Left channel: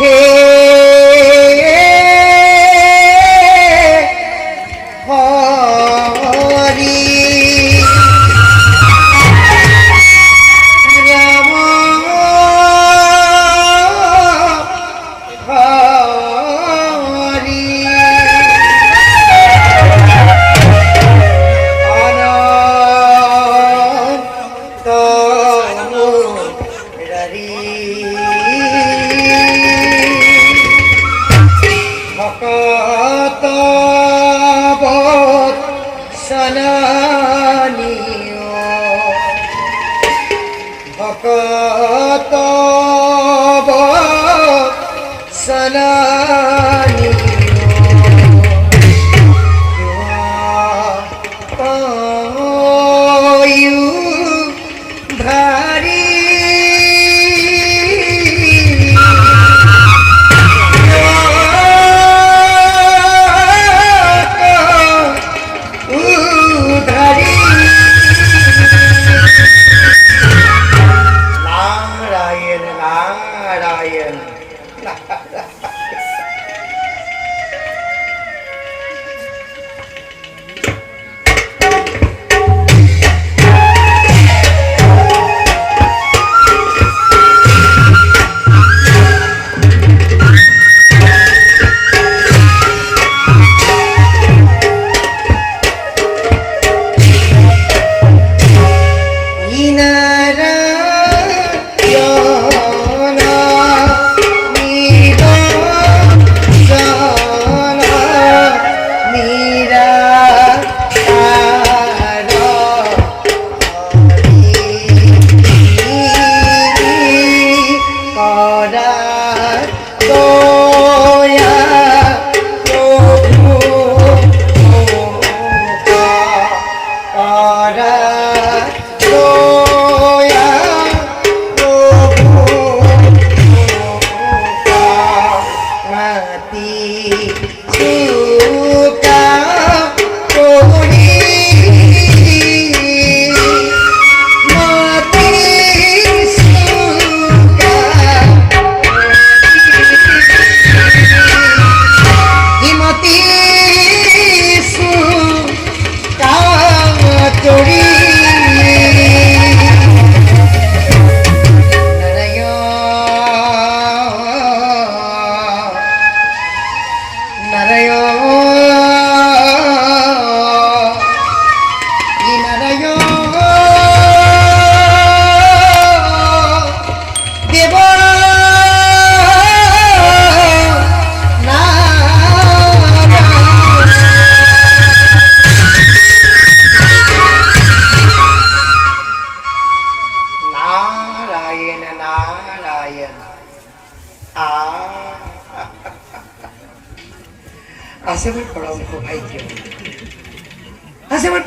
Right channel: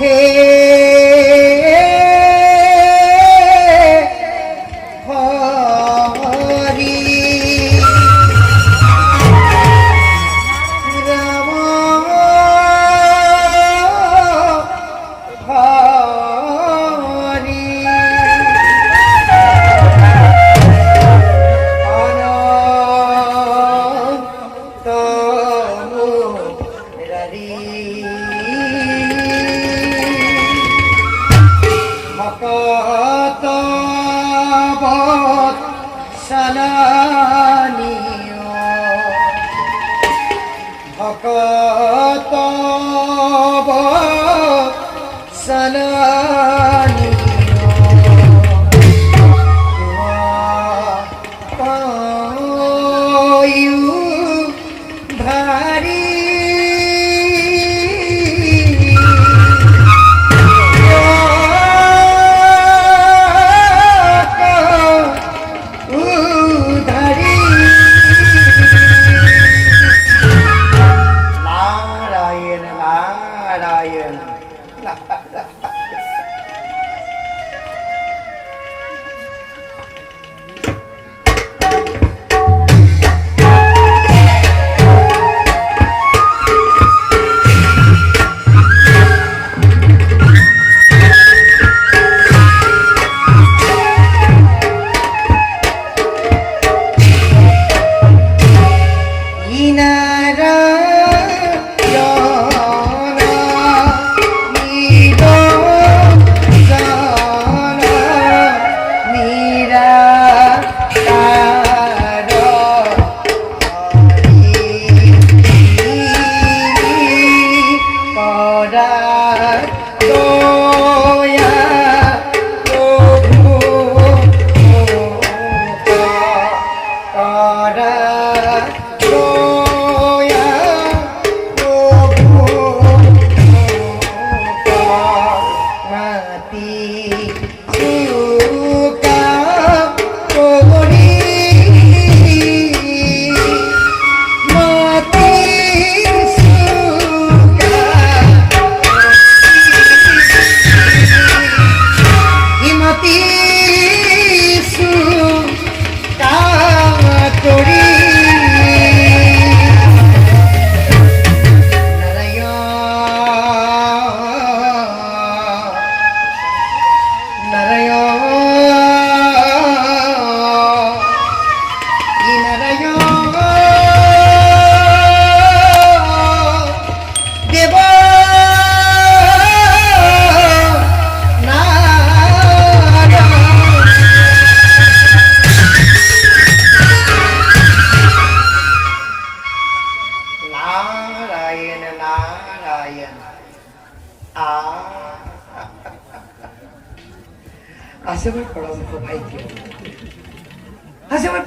হে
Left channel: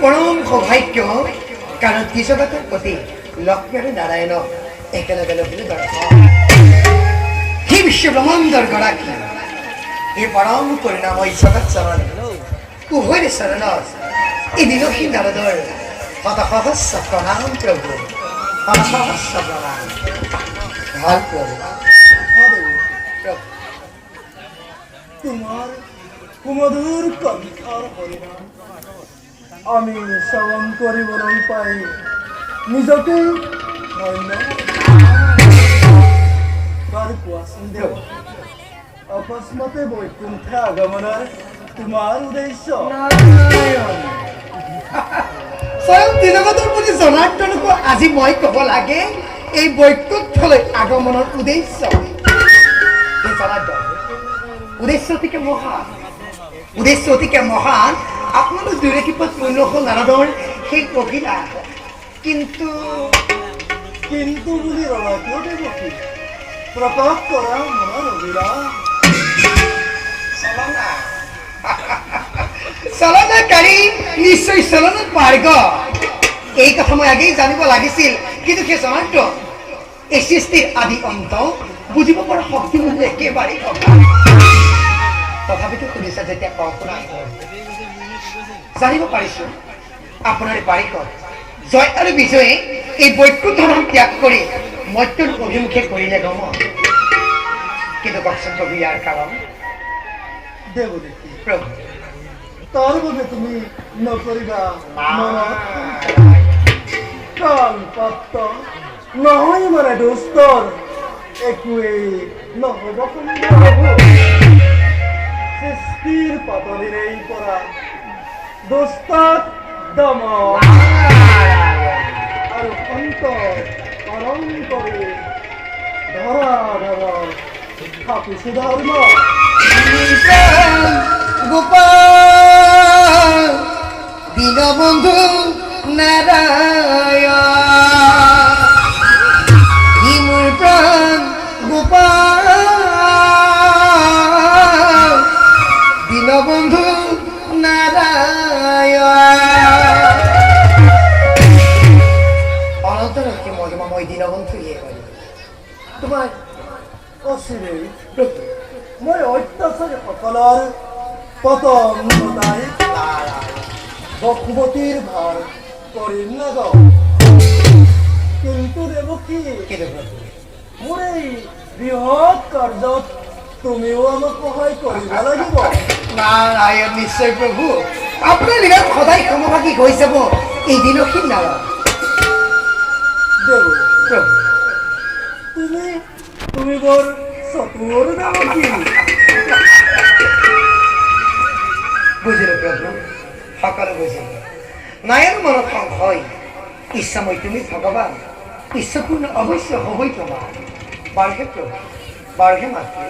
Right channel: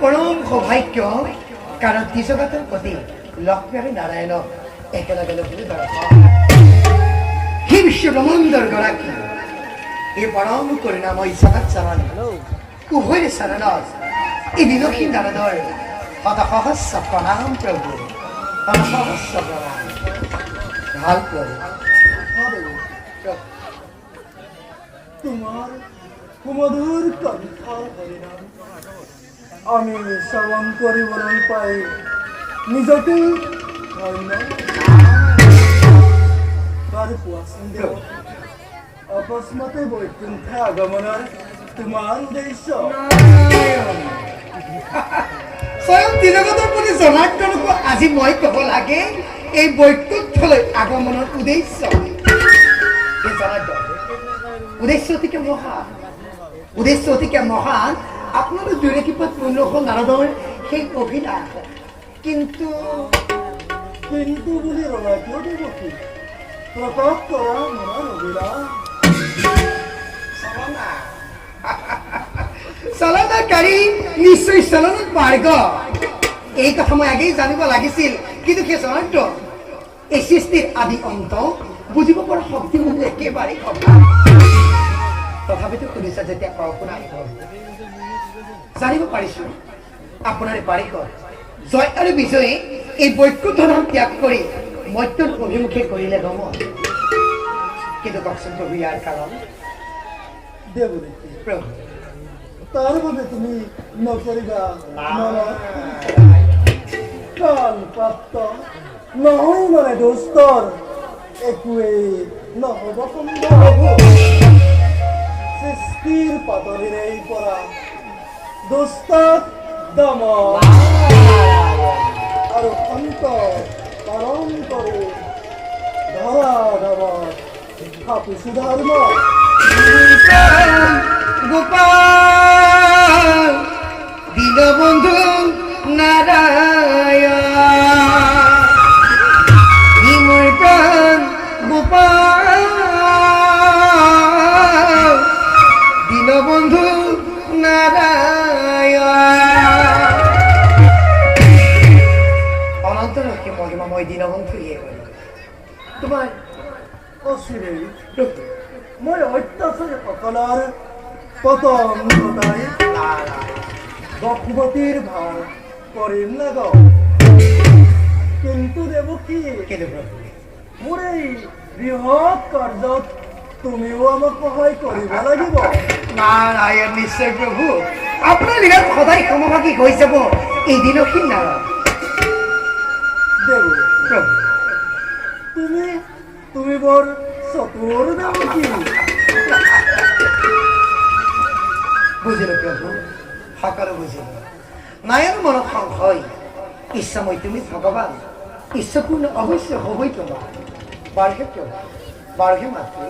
পৰম সৌভাগ্য কাৰণ তিজগতৰ প্ৰতি লক্ষ্মী নাৰায়ণ একেলগে লগে দৰ্শন সেই বিশ্ব ব্ৰহ্মাণ্ডৰ গৰাকী এই পৰম কৰিণাময় জগত চৰণ উভয় চৰণত এই নিৰসী নাৰদৰ শতসহস্ৰ প্ৰণাম প্ৰভু শতসহস্ৰ প্ৰণাম ভাল প্ৰভু তোমার কুমধুর কণ্ঠার হরিনাম আমি শ্রবণ করিবলৈ পাই নিজকে ধন্য। বাৰু কোৱাচোন দেৱ, অকস্মাতে বৈকুণ্ঠে আগমনৰ তোমাৰ উদ্দেশ্য? স্বয়ং তিজগতৰ প্ৰতি জনাৰ্দনকো আজি মই ক'ব লাগে এই বৈকুণ্ঠলৈ আগমনৰ উদ্দেশ্য। এই জনাৰ্দন উদ্দেশ্য অতিকে মহান আপোনালোক দূৰে কিপত পূৰ্ণ হ'ল নাৰদৰ সেই অভিলাষ কিন্তু বুলি ৰণাটো দেৱকী প্ৰকাশ কৰা মনৰ অভিলাষ চলনাকাৰী নিশ্চয় চলনত মাৰ্গ এই কথা মই আগেই জানিব লাগিছিল কিন্তু সেই জনাৰ্দ এই সৃষ্টিৰ আদি অন্ত বুজিব পৰা শক্তি মোৰ একেবাৰে তথাপিতো শুনিছা যেতিয়া জানিব পাৰিছো আপোনাৰ বাৰিকত জয় আৰু বিজয়ে এই বৈকুণ্ঠ ধাম ত্যাগ কৰি মৃত্যুৰ অভিমুখে কৰিলে গম কিন্তু কওকচোন প্ৰভু ইয়াৰ কাৰণ দেব দেখি প্ৰভু তাৰ বাবে তুমি নকৰিবা কাল পাত্ৰ নহয় মানে দোস্তৰ একোৱেই নহ'ব সৃষ্টিৰ পাতলিৰেই পৰা দোস্তক দমন আৰু অন্তৰ পালন কৰি ধৰা ধৰ খাপিছো ধৰ্ম গোপাল দীনবন্ধু নারায়ণ মোৰ প্ৰাণ গোপাল দীনবন্ধু নারায়ণ অনন্তরকে মহিমাময় দীনবন্ধু ইয়ে করি তোমাৰ অচিৰেই মই অত্যাচাৰী সকলৰ পতন ঘটাই বসুমতীৰ ভাৰ কৰিম নাযাওঁ কিন্তু দেৱকী মোৰ এই বৃহৎ কাৰ্যত তুমিও আমাক সহায় কৰিব লাগিব নারায়ণ নিশ্চয় প্ৰভু আপোনাৰ দিনত সদায় সমভাগী হৈ যাব এই দিনহীন নাৰায়ণ দেৱ প্ৰভু তুমি বৰ চতুৰ দেৱকী বুজিলে প্ৰভু সকলো বুজিলে নাৰায়ণ মনত সংশয় ইচ্ছাময় তুমি ভগৱান ইচ্ছাপূৰ্ণ অৱশ্য হ'বই তোমাৰ বাৰহে প্ৰভু বাৰহে মাতৃ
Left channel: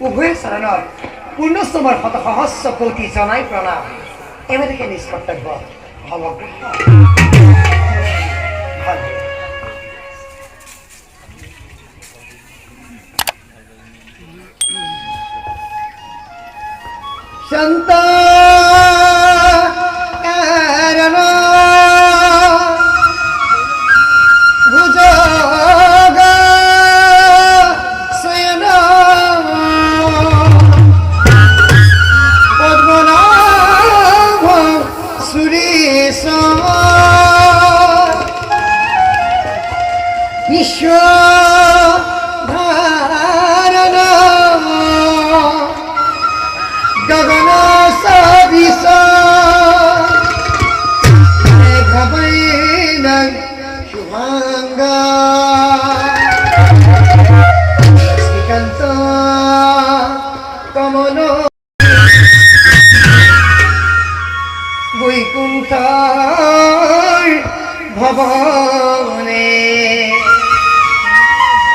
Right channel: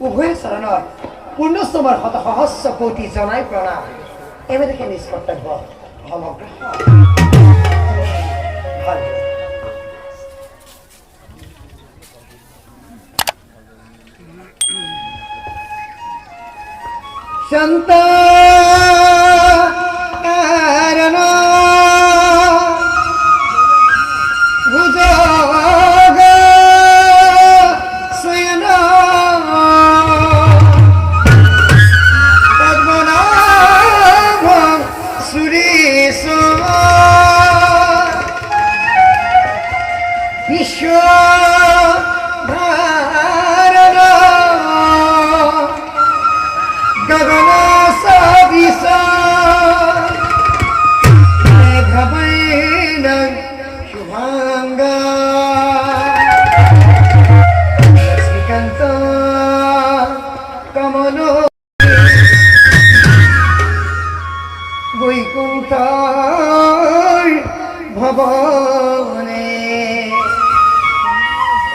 উভয় চৰণত পূৰ্ণস্তমৰ শত সহস্ৰ কোটি জনাই প্ৰণাম এমেদেখে নিজ কৰ্তব্য সমগ্ৰ ভাল শান্ত কারণ ভুজগ সুয়ন পদ্মনাভ সুরেশ বিশ্ব বৈকুণ্ঠৰ ভৱনে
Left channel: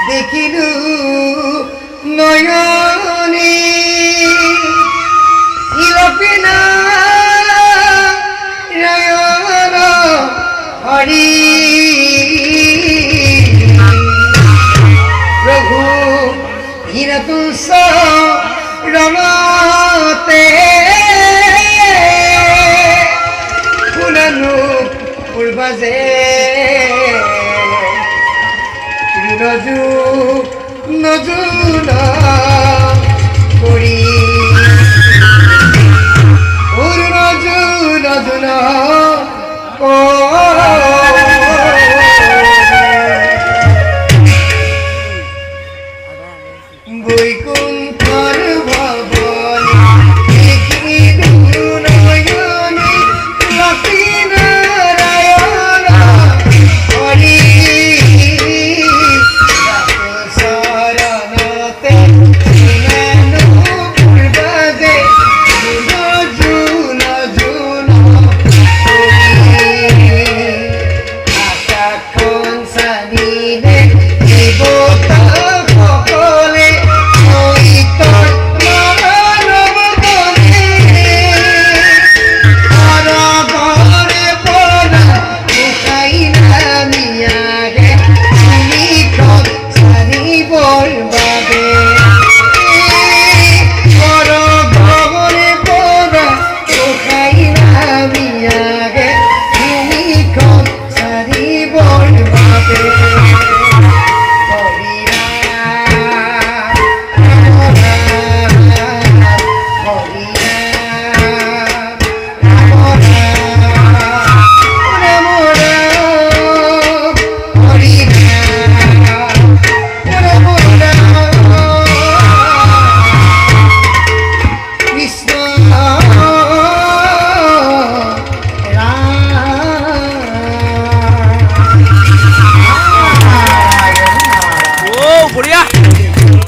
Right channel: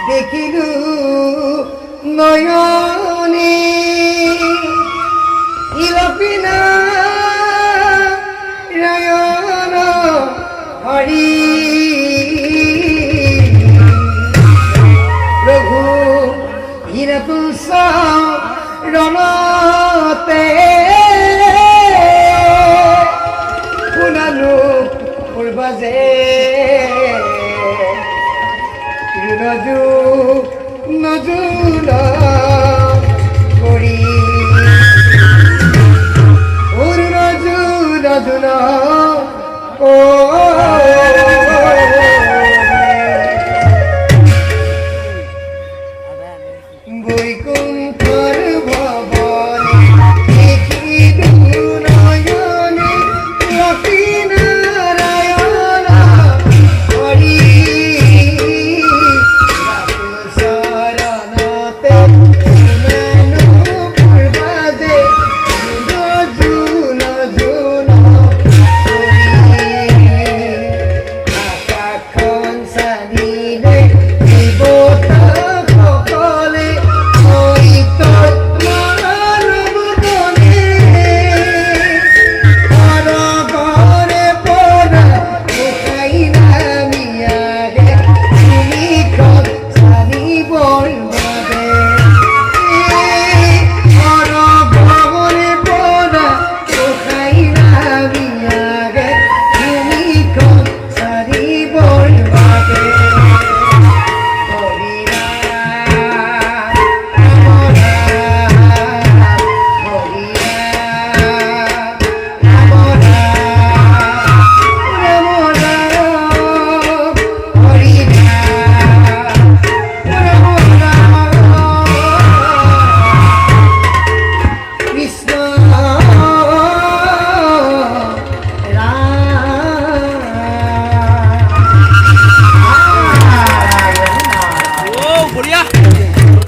দেখিলো নয়নে ইলপিনা ৰায়ণ হৰি প্ৰভু হীৰতুলস ৰণতে পূৰ্বাজে নজু নজুন কৰি নজু নজুন বৈকুণ্ঠৰ